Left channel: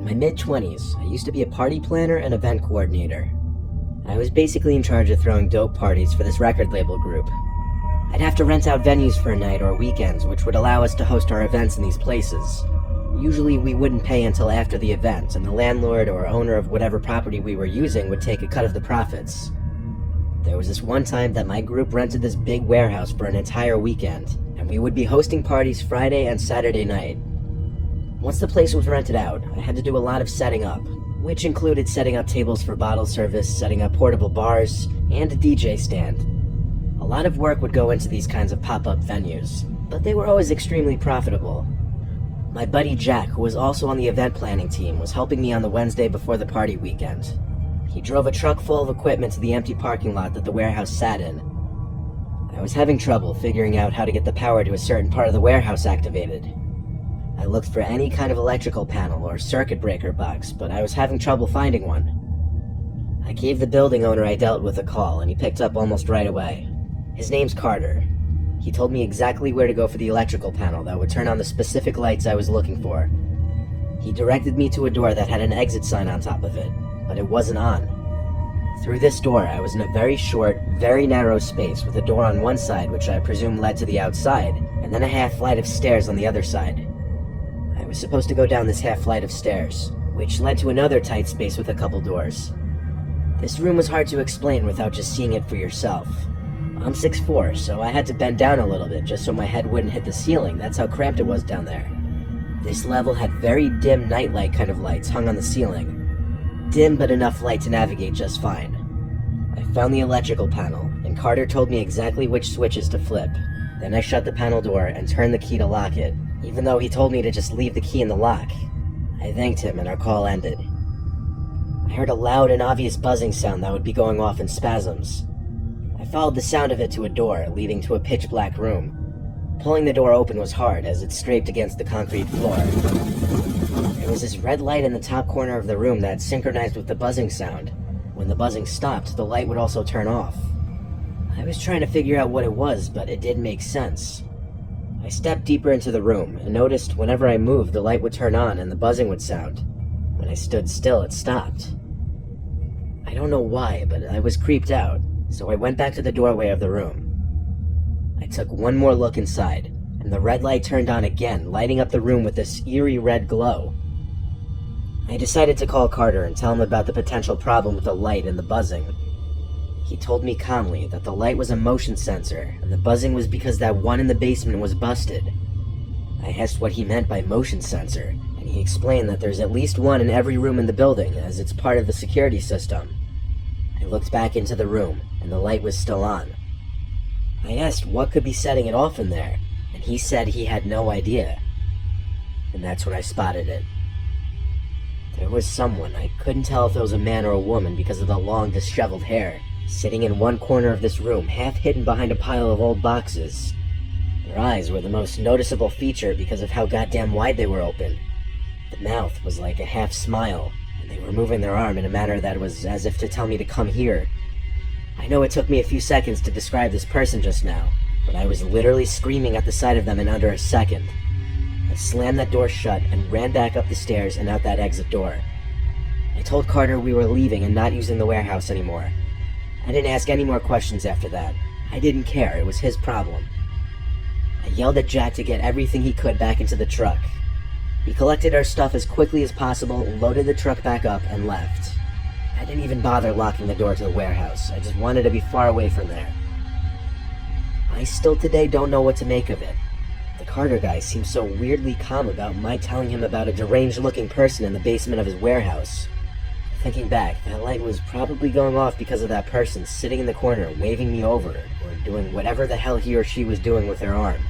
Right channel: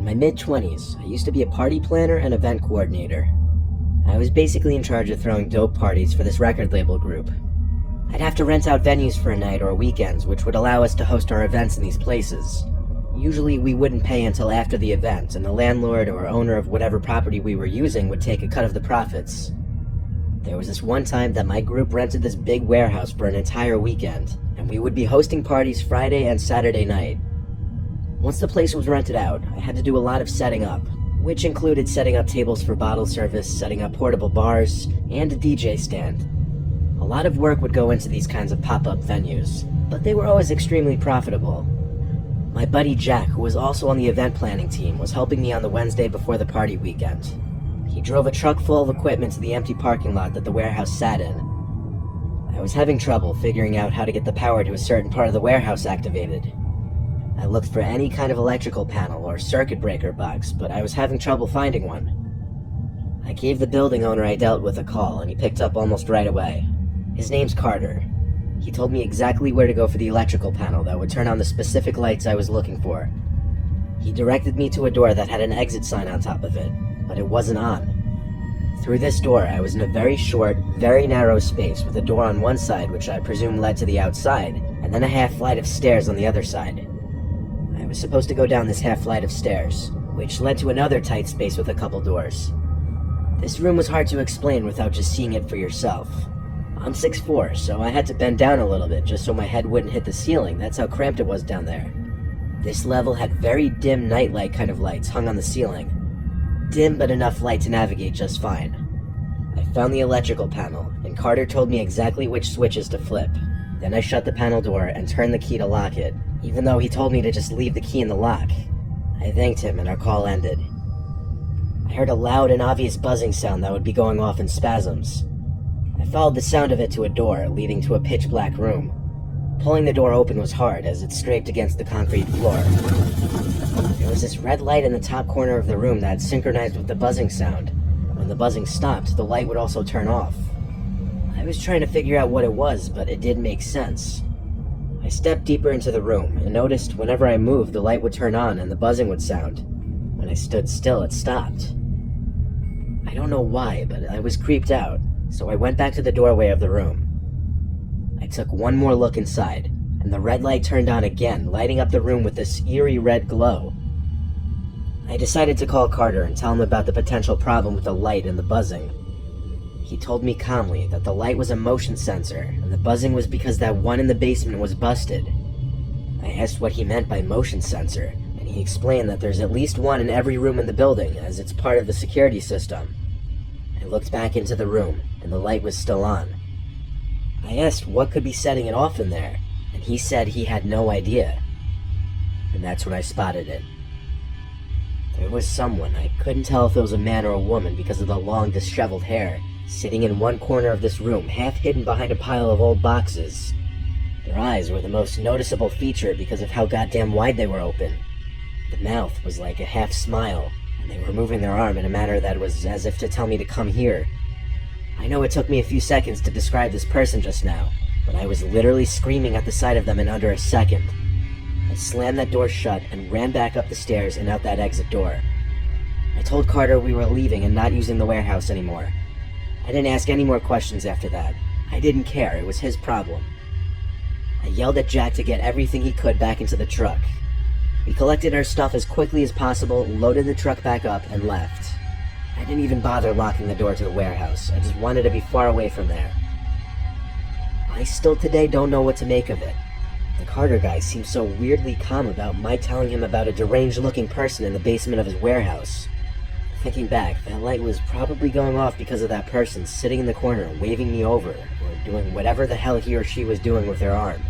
In my mid-20s, I used to be a party planner and event coordinator. I was basically in charge of throwing dope parties for this record label group. I'd have to rent out venues for a night or weekends, which would allow us to host our events in these places. Usually we wouldn't pay until after the event, and the landlord or owner of whatever property we were using would take a cut of the profits. There was this one time that my group rented this big warehouse for an entire weekend, and we would be hosting parties Friday and Saturday night. Once the place was rented out, I had to do a lot of setting up, which included setting up tables for bottle service, setting up portable bars, and a DJ stand. A lot of work would go into these kinds of pop-up venues, but they were always extremely profitable. My buddy Jack, who was also on the event planning team, was helping me on the Wednesday before the party weekend. He drove a truck full of equipment to the empty parking lot that the warehouse sat in. I was having trouble figuring out how to get the power to a certain part of the warehouse activated. I looked for any kind of electrical panel or circuit breaker box, but I was having trouble finding one. I gave the building owner I dealt with a call, and he picked up almost right away. His name's Carter. He told me exactly where to go for the electrical panel that would turn on the specific lights I was looking for. He directed me to a door that had an exit sign on top of it, but it wasn't on. Through this door, I was in a very short, very narrow space with a door on one side, which I presume led to the outside, and then a half flight of stairs on the other side. I was supposed to go down this half flight of stairs, which led to another tight space with a couple doors. This room was hard to explain without just seeing it for yourself. I'm 6'4", so I had to bend down a little bit just so my head wouldn't hit the ceiling. That's how cramped it was down there. This level had very dim nightlight kind of lights hung on the ceiling. Dim but enough light to navigate just fine. I found the electrical panel, and Carter told me exactly which switches to flip. Then I shut the panel door and turned the key to lock it, even though he told me to just leave the key in the lock. I thanked him and our call ended. I heard a loud and obvious buzzing sound that would be going off in spasms. I followed the sound of it to a door, leading to a pitch-black room. Pulling the door open was hard as it scraped against the concrete floor. There was this red light in the top corner of the room that synchronized with the buzzing sound. When the buzzing stopped, the light would also turn off. I was trying to figure out what it was, but it didn't make sense. I stepped deeper into the room and noticed whenever I moved, the light would turn on and the buzzing would sound. When I stood still, it stopped. I don't know why, but I was creeped out, so I went back to the doorway of the room. I took one more look inside, and the red light turned on again, lighting up the room with this eerie red glow. I decided to call Carter and tell him about the potential problem with the light and the buzzing. He told me calmly that the light was a motion sensor, and the buzzing was because that one in the basement was busted. I asked what he meant by motion sensor, and he explained that there's at least one in every room in the building, as it's part of the security system. I looked back into the room, and the light was still on. I asked what could be setting it off in there, and he said he had no idea. And that's when I spotted it. There was someone, I couldn't tell if it was a man or a woman because of the long, disheveled hair, sitting in one corner of this room, half hidden behind a pile of old boxes. Their eyes were the most noticeable feature because of how goddamn wide they were open. The mouth was like a half smile, and they were moving their arm in a manner that was as if to tell me to come here. I know it took me a few seconds to describe this person just now, but I was literally screaming at the sight of them in under a second. I slammed that door shut and ran back up the stairs and out that exit door. I told Carter we were leaving and not using the warehouse anymore. I didn't ask any more questions after that. I didn't care, it was his problem. I yelled at Jack to get everything he could back into the truck. We collected our stuff as quickly as possible, loaded the truck back up, and left. I didn't even bother locking the door to the warehouse. I just wanted to be far away from there. I still today don't know what to make of it. The Carter guy seemed so weirdly calm about my telling him about a deranged-looking person in the basement of his warehouse. Thinking back, that light was probably going off because of that person sitting in the corner, waving me over, or doing whatever the hell he or she was doing with their arm.